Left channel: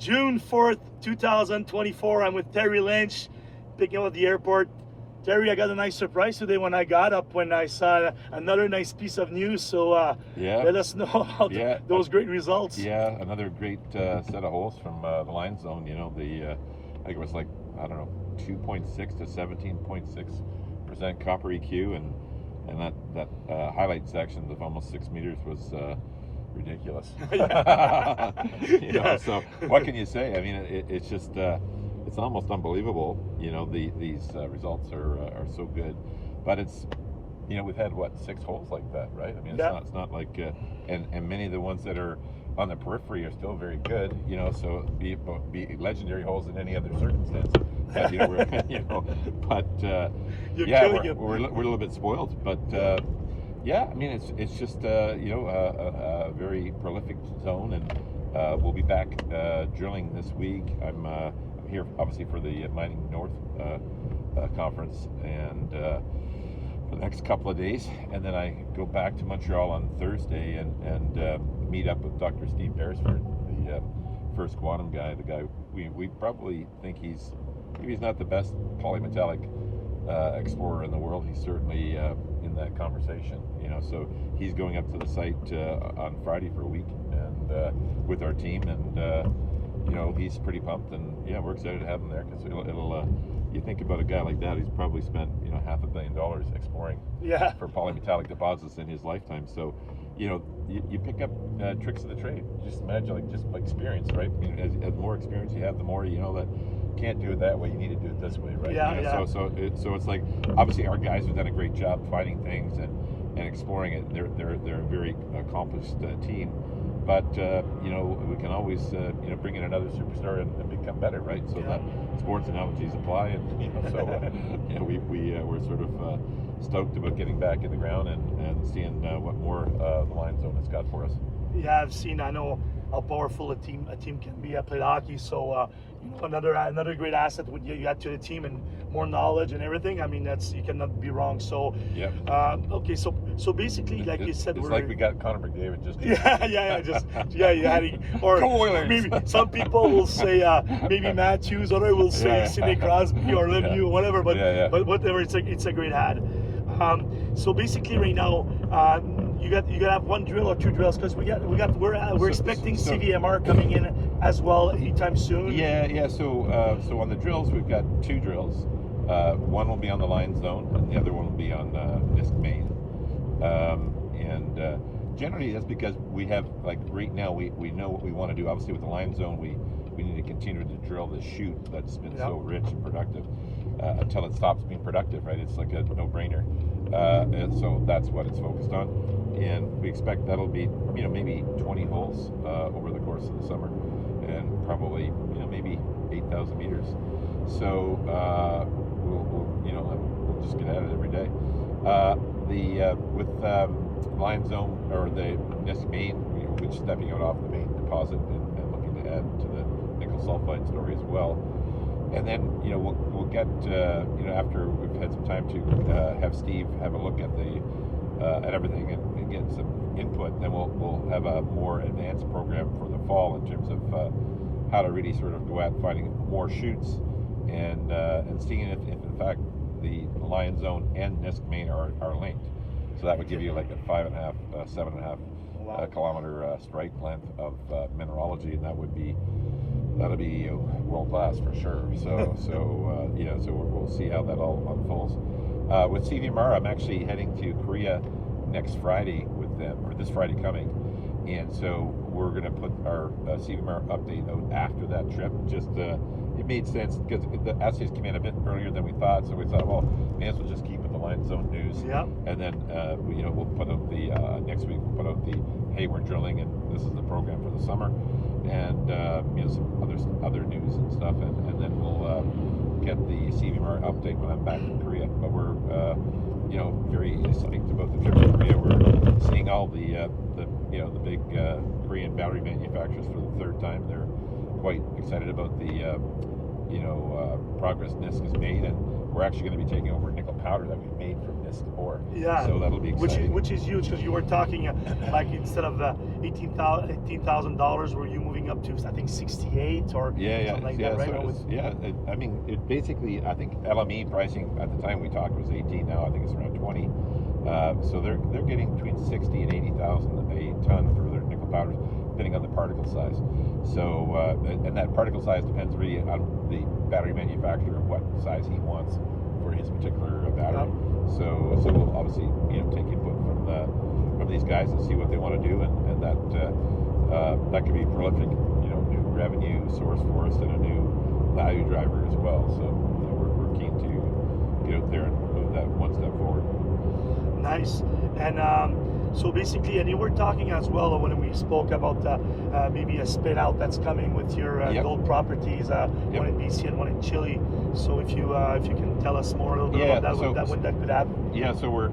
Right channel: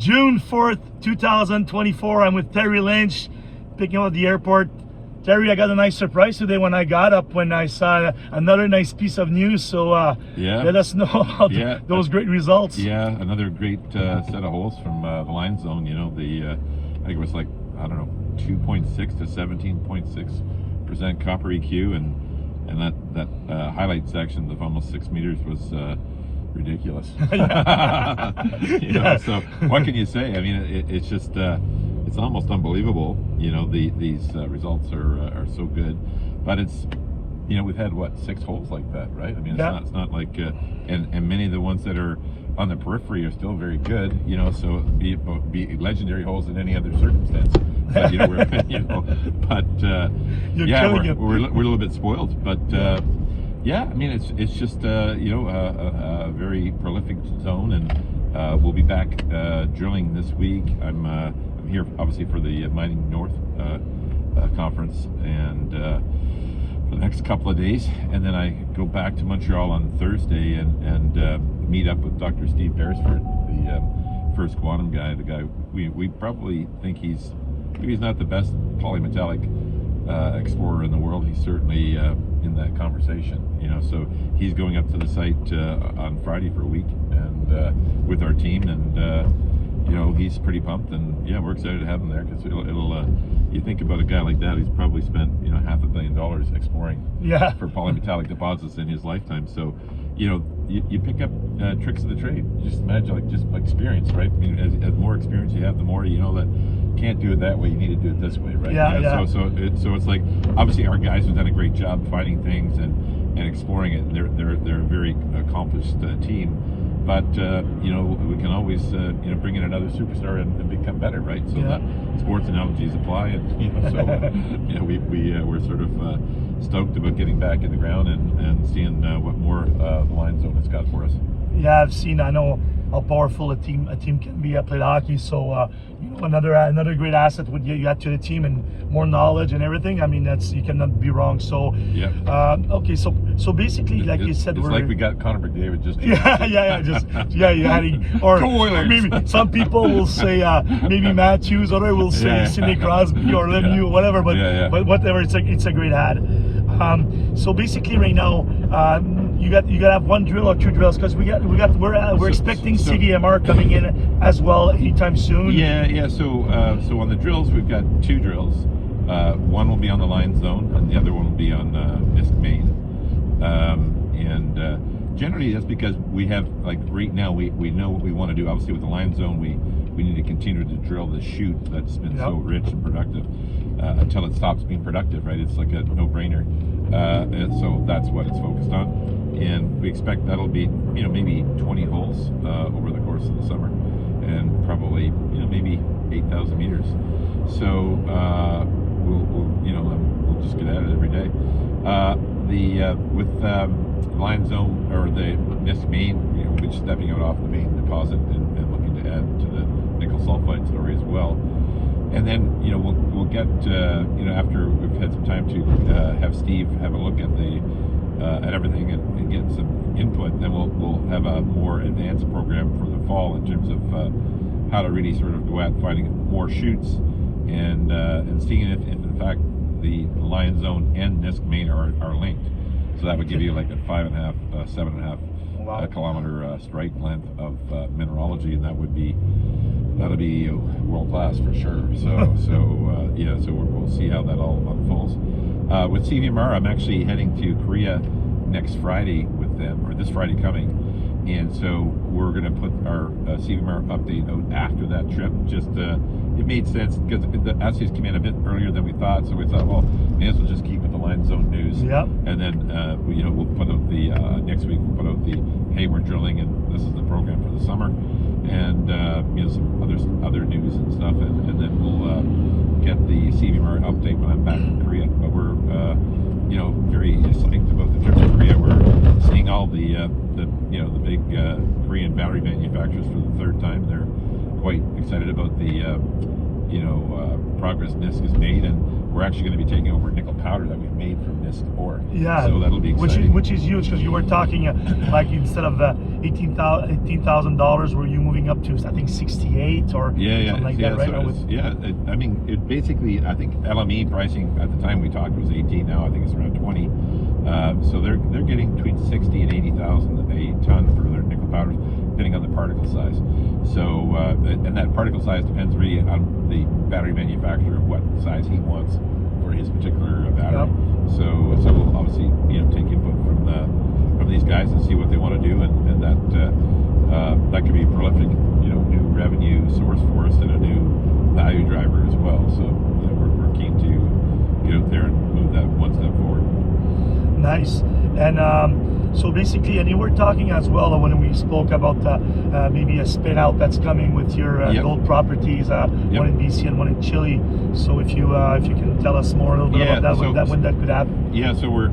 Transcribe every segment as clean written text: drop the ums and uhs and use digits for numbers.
June 4th, 2024. I'm with Terry Lynch, picking up at the airport. Terry, I got a nice surprise today when I got up, when I saw another nice piece of news. So let us know about those great results. Yeah, another great set of holes from the line zone. You know, I think it was like, I don't know, 2.6 to 17.6% copper EQ, and that highlight section of almost 6 meters was ridiculous. You know, so what can you say? I mean, it's just it's almost unbelievable. You know, these results are so good, but it's, you know, we've had what, 6 holes like that, right? I mean, it's not like and many of the ones that are on the periphery are still very good. You know, so be legendary holes in any other circumstance. But, you know, we're a little bit spoiled, but. Yeah, I mean, it's just you know, a very prolific zone, and we'll be back drilling this week. I'm here obviously for the Mining North conference, and for the next couple of days, and then I go back to Montreal on Thursday and meet up with Dr. Steve Beresford, the first quantum guy. The guy we probably think he's not the best polymetallic explorer in the world. He's certainly in that conversation, you know. So he's going up to the site on Friday for a week, and with our team, and you know, he's pretty pumped, and yeah, we're excited to have him there, because it'll you think about a guy like that, he's probably spent, you know, $500 million exploring for polymetallic deposits in his lifetime. So, you know, you pick up tricks of the trade. Just imagine, just experience, right? I mean, as more experience you have, the more you know that you can't do it that way, you need to do it this way, right? So it's like, obviously our guys have done a great job finding things and exploring it. They're a very accomplished team, but you know, we can always you know, bring in another superstar and become better, right? So that sports analogies apply, and you know, so you know, we're sort of stoked about getting back in the ground and seeing what more the line zone has got for us. Yeah, I know how powerful a team can be. I played hockey, so you know, another great asset would you add to the team, and more knowledge and everything. I mean, you cannot be wrong. So okay, so basically, like you said, it's like we got Connor McDavid just you had or maybe some people will say maybe Matthews, or will say Sidney Crosby or Lemieux, whatever. But whatever, it's a great ad. So basically, right now, you got to have 1 drill or 2 drills, because we're expecting CVMR coming in as well anytime soon. Yeah. So on the drills, we've got 2 drills. One will be on the line zone, and the other one will be on Nisk Main. And generally, that's because we have, like, right now, we know what we want to do. Obviously, with the line zone, we need to continue to drill the chute that's been so rich and productive until it stops being productive, right? It's like a no-brainer. And so that's what it's focused on, and we expect that'll be, you know, maybe 20 holes over the course of the summer, and probably, you know, maybe 8,000 meters. So we'll you know, we'll just get at it every day. With line zone, or the Nisk Main, you know, we'll be stepping out off the main deposit and looking to add to the nickel sulfide story as well. And then, you know, we'll get you know, after we've had some time to have Steve have a look at at everything and get some input, then we'll have a more advanced program for the fall in terms of how to really sort of go out finding more chutes and seeing if in fact the line zone and Nisk Main are linked. So that would give you like a 5.5, 7.5 kilometer strike length of mineralogy, and that'll be world class for sure. So yeah, so we'll see how that all unfolds. With CVMR, I'm actually heading to Korea next Friday with them, or this Friday coming, and so we're going to put our CVMR update out after that trip. Just it made sense because the assays came in a bit earlier than we thought, so we thought, well, may as well just keep with the line zone news. And then you know, we'll put out the next week. We'll put out the, hey, we're drilling, and this is the program for the summer, and you know, some other news and stuff, and then we'll get the CVMR update when I'm back in Korea. But we're you know, very psyched about the trip to Korea. We're seeing all the you know, the big Korean battery manufacturers for the 3rd time. They're quite excited about the you know, progress Nisk has made, and we're actually going to be taking over nickel powder that we've made from Nisk ore. Yeah, so that'll be exciting. Which is huge, because you were talking like instead of $18,000, were you moving up to, I think, 68 or something like that, right? I mean, it basically, I think LME pricing at the time we talked was 18. Now I think it's around 20. So they're getting between 60 and 80,000 a ton for their nickel powders, depending on the particle size. So and that particle size depends really on the battery manufacturer, what size he wants for his particular battery. So we'll obviously take input from these guys and see what they want to do, and that could be a prolific new revenue source for us and a new value driver as well. So we're keen to get out there and move that one step forward. Nice. And so basically, and you were talking as well when we spoke about maybe a spin out that's coming with your gold properties, one in BC and one in Chile. So if you can tell us more a little bit about that, when that could happen. Yeah, so we're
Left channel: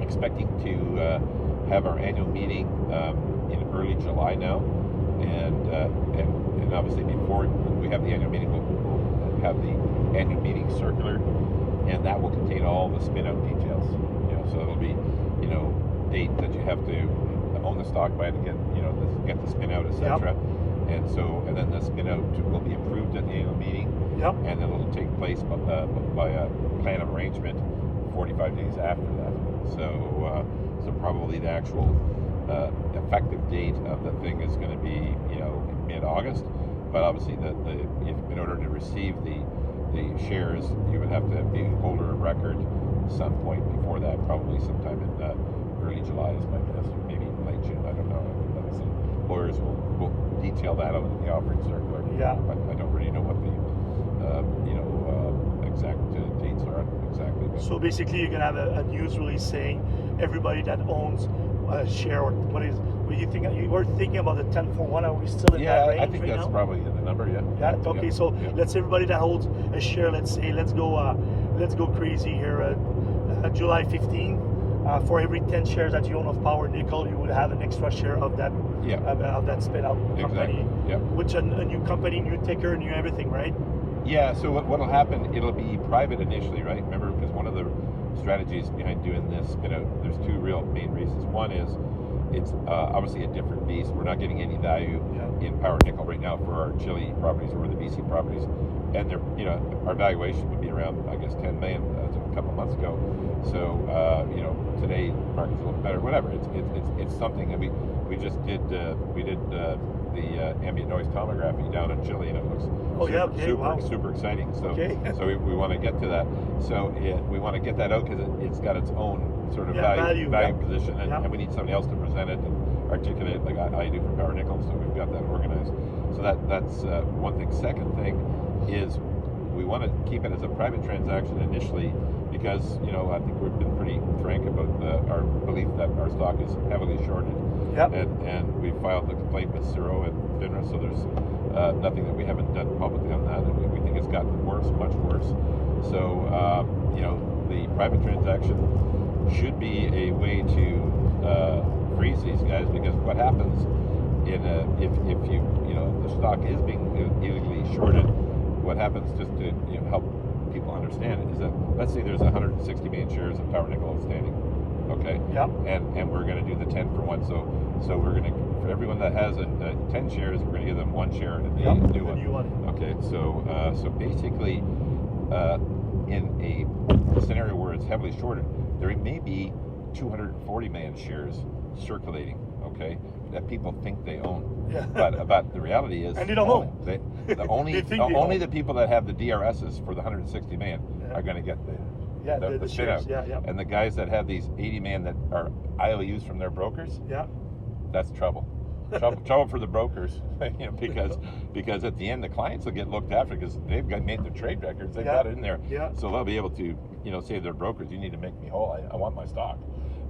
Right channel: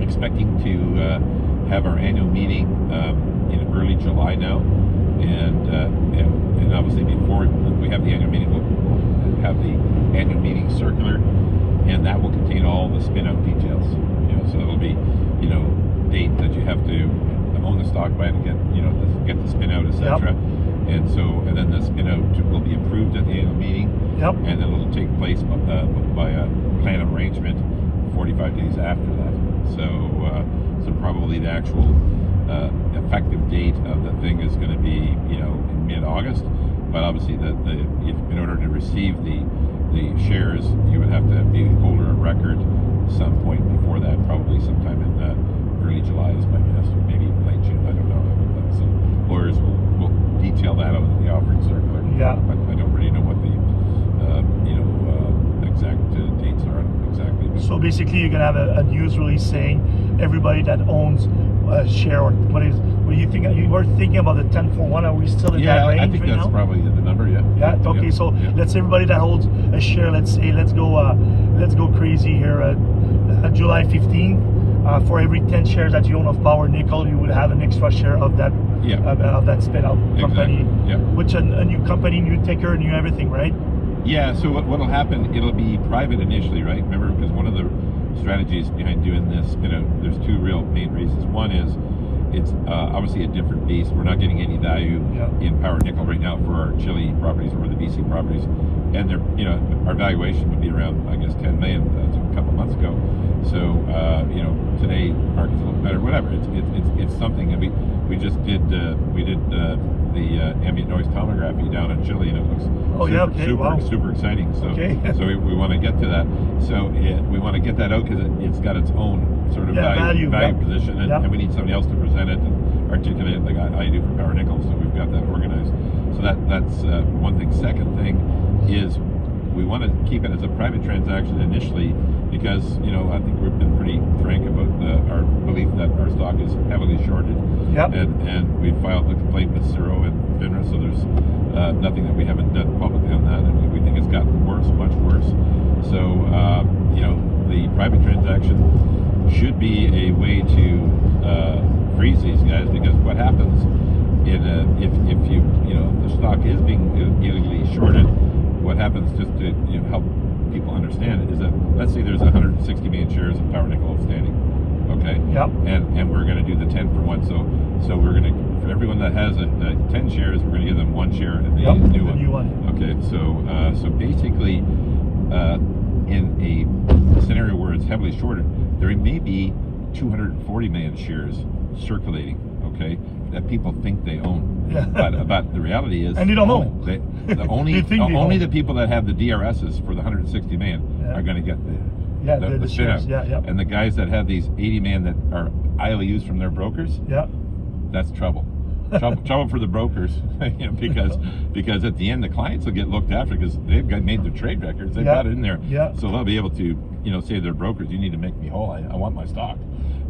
expecting to have our annual meeting in early July now, and obviously before we have the annual meeting, we'll have the annual meeting circular, and that will contain all the spin out details. So it'll be date that you have to own the stock by to get the spin out, etc. And then the spin out will be approved at the annual meeting, and then it'll take place by a plan of arrangement 45 days after that. So probably the actual effective date of the thing is going to be in mid-August. But obviously, in order to receive the shares, you would have to be holder of record some point before that, probably sometime in early July is my guess, or maybe late June. I don't know. So lawyers will detail that on the offering circular. Yeah. But I don't really know what the exact dates are exactly. So basically, you're gonna have a news release saying everybody that owns a share, or what do you think? You were thinking about the 10-for-1. Are we still in that range? Yeah, I think that's probably the number. Yeah. Okay. So let's say everybody that holds a share. Let's say let's go crazy here. July 15. For every 10 shares that you own of Power Nickel, you would have an extra share of that of that spin out company. Exactly. Which a new company, new ticker, new everything, right? Yeah. So what'll happen? It'll be private initially, right? Remember, because one of the strategies behind doing this spin out, there's two real main reasons. One is it's obviously a different beast. We're not getting any value in Power Nickel right now for our Chile properties or the BC properties, and they're our valuation would be around, I guess, 10 million as of a couple months ago. So today the market's a little better. Whatever. It's something that we just did. We did the ambient noise tomography down in Chile, and it looks super exciting. So so we want to get to that. So we want to get that out because it's got its own sort of value position, and we need somebody else to present it and articulate it like I do for Power Nickel. So we've got that organized. So that's one thing. Second thing is we want to keep it as a private transaction initially, because I think we've been pretty frank about our belief that our stock is heavily shorted, and we filed the complaint with Ciro and FINRA, so there's nothing that we haven't done publicly on that, and we think it's gotten worse, much worse. So the private transaction should be a way to freeze these guys, because what happens if the stock is being illegally shorted, what happens, just to help people understand it, is that let's say there's 160 million shares of Power Nickel outstanding, okay? And we're going to do the 10-for-1. So we're going to, for everyone that has 10 shares, we're going to give them one share of the new one. Okay, so basically, in a scenario where it's heavily shorted, there may be 240 million shares circulating, okay, that people think they own. But the reality is, and you don't know. Only the people that have the DRSs for the 160 million are going to get the spin out. And the guys that have these 80 million that are IOUs from their brokers, that's trouble. Trouble for the brokers, because at the end the clients will get looked after because they've made their trade records, they've got it in there, so they'll be able to say to their brokers, you need to make me whole. I want my stock.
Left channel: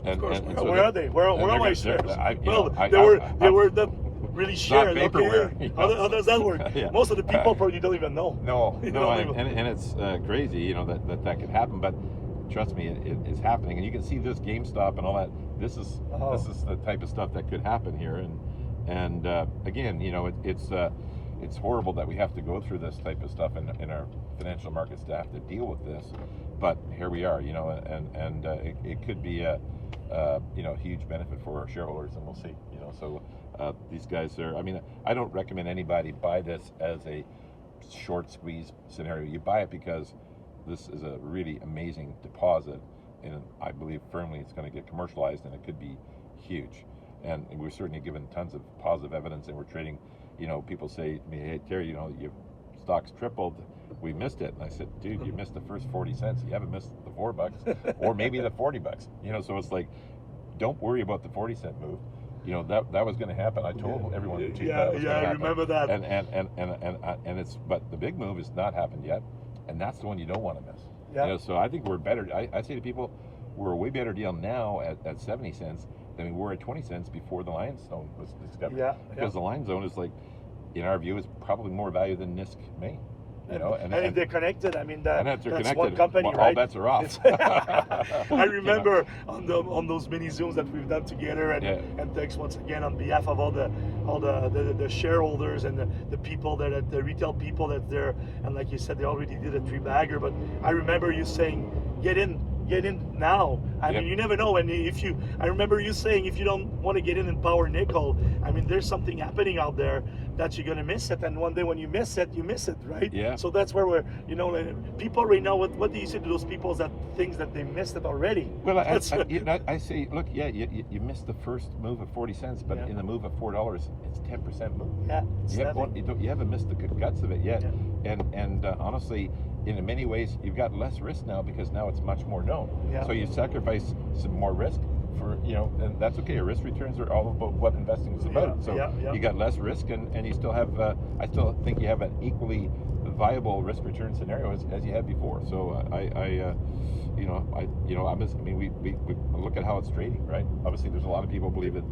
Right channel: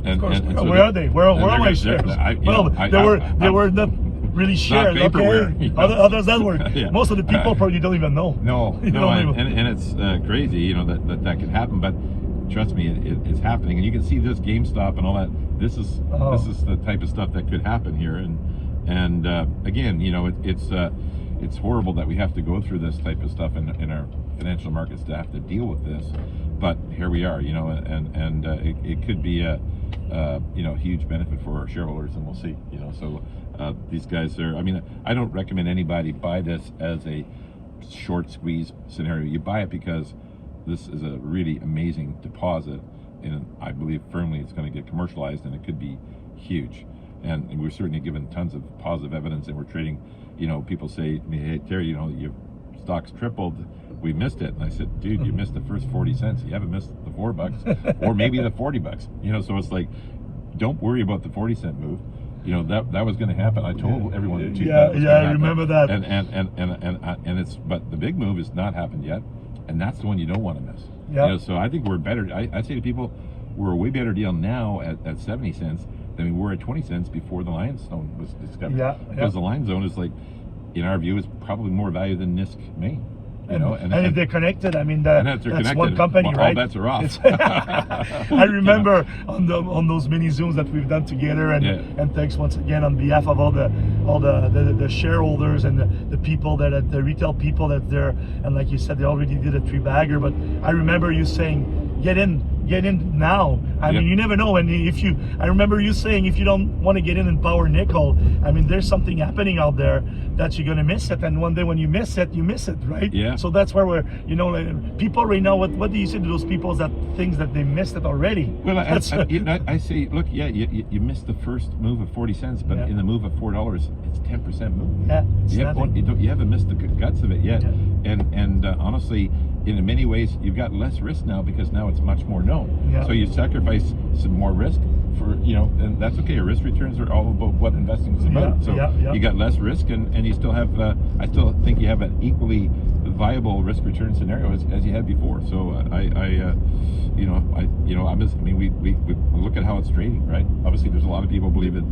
And so where are they? Where are my shares? They were not really shares. Okay. How does that work? Most of the people probably don't even know. No, and it's crazy, that can happen. But trust me, it's happening, and you can see this GameStop and all that. This is the type of stuff that could happen here, and again, it's horrible that we have to go through this type of stuff in our financial markets to have to deal with this. But here we are, and it could be a huge benefit for our shareholders, and we'll see. So these guys are, I mean, I don't recommend anybody buy this as a short squeeze scenario. You buy it because this is a really amazing deposit, and I believe firmly it's going to get commercialized, and it could be huge. And we're certainly given tons of positive evidence, and we're trading, you know, people say, hey, Terry, you know, your stock's tripled, we missed it. And I said, dude, you missed the first 40 cents. You haven't missed the $4 or maybe the $40, you know, so it's like, don't worry about the 40-cent move. You know, that was going to happen. I told everyone in 2000. Yeah, I remember that. And it's, but the big move has not happened yet, and that's the one you don't want to miss. Yeah. You know, so I think we're better. I say to people, we're a way better deal now at 70 cents than we were at 20 cents before the Lion Zone was discovered. Yeah. Because the Lion Zone is, like, in our view, is probably more value than NISC Maine. You know, and if they're connected, I mean, that's one company, well, right? All bets are off. I remember on those mini Zooms that we've done together, and thanks once again on behalf of all the shareholders and the people the retail people that they're, and like you said, they already did a 3-bagger. But I remember you saying, get in now. I mean, you never know. And I remember you saying, if you don't want to get in power nickel, I mean, there's something happening out there that you're gonna miss it. And one day when you miss it, right? Yeah. So that's where we're, you know, like, people right now. What do you say to those people that things that they missed it already? Well, I say, look, yeah, you missed the first move of 40 cents, but in the move of $4, it's 10% move. Yeah. You haven't missed the guts of it yet. Yeah. And honestly, in many ways, you've got less risk now because now it's much more known. Yeah. So you sacrifice some more risk for, you know, and that's okay. Your risk returns are all about what investing is about. So you got less risk, and you still have, I still think you have an equally viable risk return scenario as you had before. So we look at how it's trading, right? Obviously, there's a lot of people believe it.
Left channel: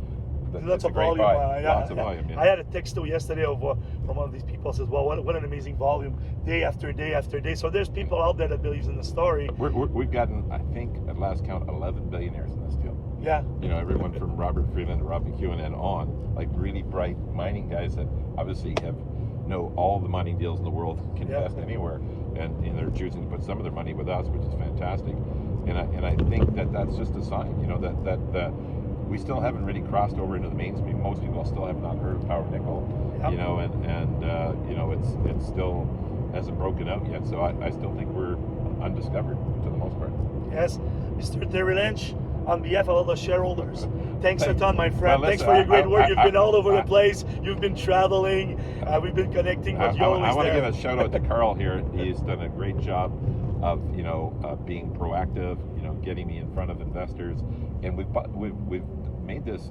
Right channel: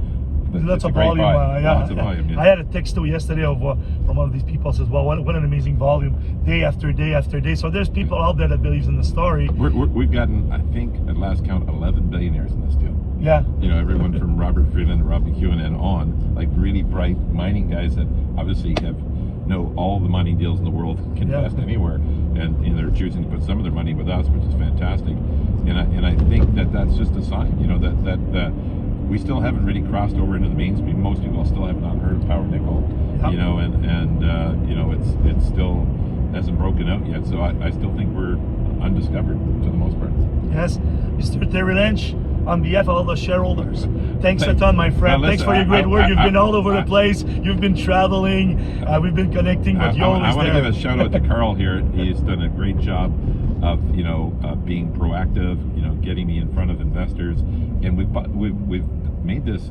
Lots of volume. Lots of volume. Yeah. I had a text too yesterday from one of these people says, "Well, what an amazing volume, day after day after day." So there's people out there that believes in the story. We've gotten, I think, at last count, 11 billionaires in this deal. Yeah. You know, everyone from Robert Friedland and Rob McEwen and on, like really bright mining guys that obviously know all the mining deals in the world, can invest anywhere, and they're choosing to put some of their money with us, which is fantastic. And I think that's just a sign, you know, that we still haven't really crossed over into the mainstream. Most people still have not heard of power nickel, you know, and you know, it still hasn't broken out yet. So I still think we're undiscovered to the most part. Yes, Mr. Terry Lynch, on behalf of all the shareholders, thanks a ton, my friend. Well, thanks for your great work. You've been all over the place. You've been traveling. We've been connecting with you. I want to give a shout out to Carl here. He's done a great job of, you know, being proactive, you know, getting me in front of investors, and we've made this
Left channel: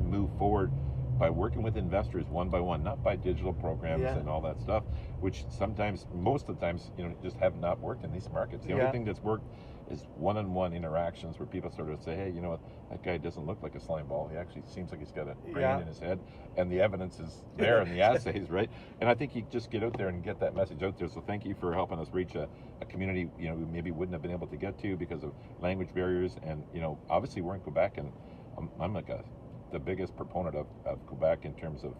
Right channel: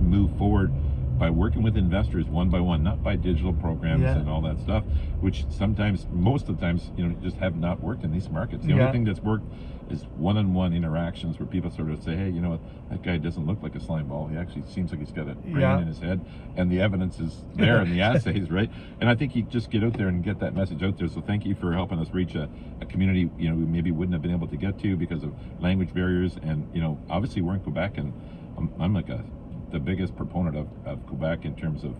move forward by working with investors one by one, not by digital programs and all that stuff, which sometimes, most of the times, you know, just have not worked in these markets. The only thing that's worked is one-on-one interactions where people sort of say, hey, you know what, that guy doesn't look like a slime ball. He actually seems like he's got a brain in his head, and the evidence is there in the assays, right? And I think you just get out there and get that message out there. So thank you for helping us reach a community, you know, we maybe wouldn't have been able to get to because of language barriers. And, you know, obviously we're in Quebec, and I'm like the biggest proponent of Quebec in terms of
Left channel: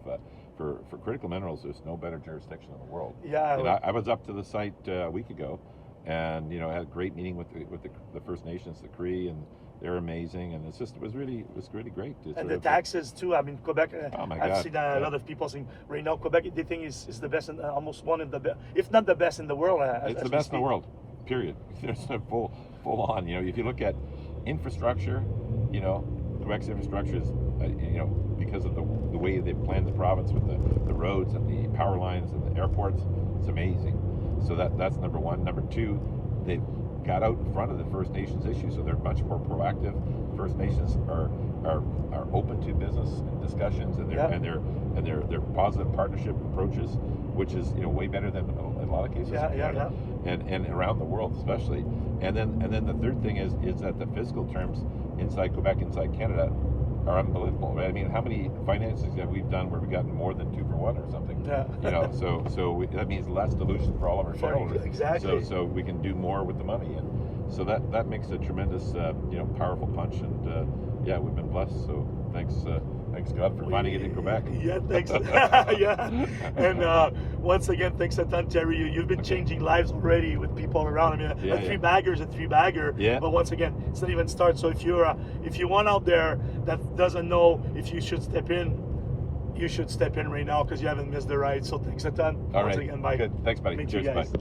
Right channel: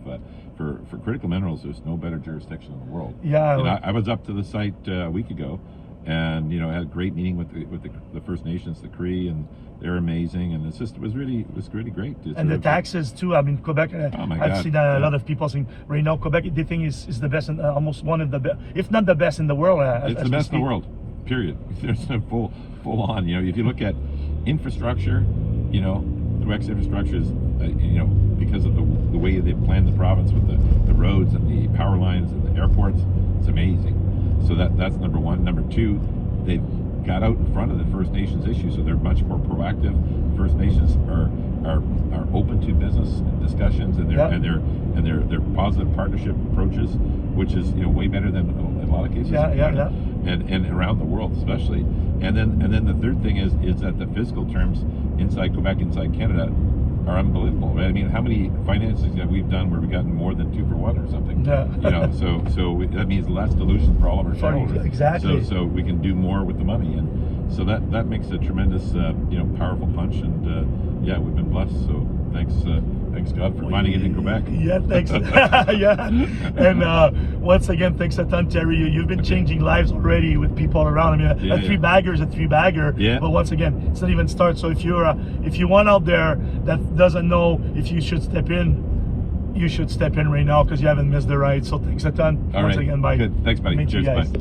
for critical minerals. There's no better jurisdiction in the world. Yeah. And I was up to the site a week ago, and you know, had a great meeting with the First Nations, the Cree, and they're amazing. And it was really great. And the taxes too. I mean, Quebec. I've seen a lot of people saying right now Quebec, they think is the best, and almost one of the best, if not the best in the world. It's the best in the world. Period. There's a full on. You know, if you look at infrastructure, you know, Quebec's infrastructure is, you know, because of the way they've planned the province with the roads and the power lines and the airports, it's amazing. So that's number one. Number two, they've got out in front of the First Nations issue, so they're much more proactive. First Nations are open to business discussions and their positive partnership approaches, which is, you know, way better than in a lot of cases. And around the world especially. And then the third thing is that the fiscal terms inside Quebec, inside Canada, are unbelievable. Right? I mean, how many finances that we've done where we've gotten more than 2 for 1 or something? Yeah. You know, so that means less dilution for all of our shareholders. Exactly. So we can do more with the money, and so that makes a tremendous, you know, powerful punch. And yeah, we've been blessed. So thanks God for finding it in Quebec. Yeah, thanks. Yeah, and once again, thanks a ton, Terry. You've been changing lives already with people around. I mean, a 3-bagger is a 3-bagger. Yeah. But once again, it's not even start. So if you're one out there that doesn't know if you should step in, you should step in right now because you haven't missed the ride. So thanks a ton. All Once right. again, bye. Good. Thanks, buddy. Meet you Cheers. guys. Bye.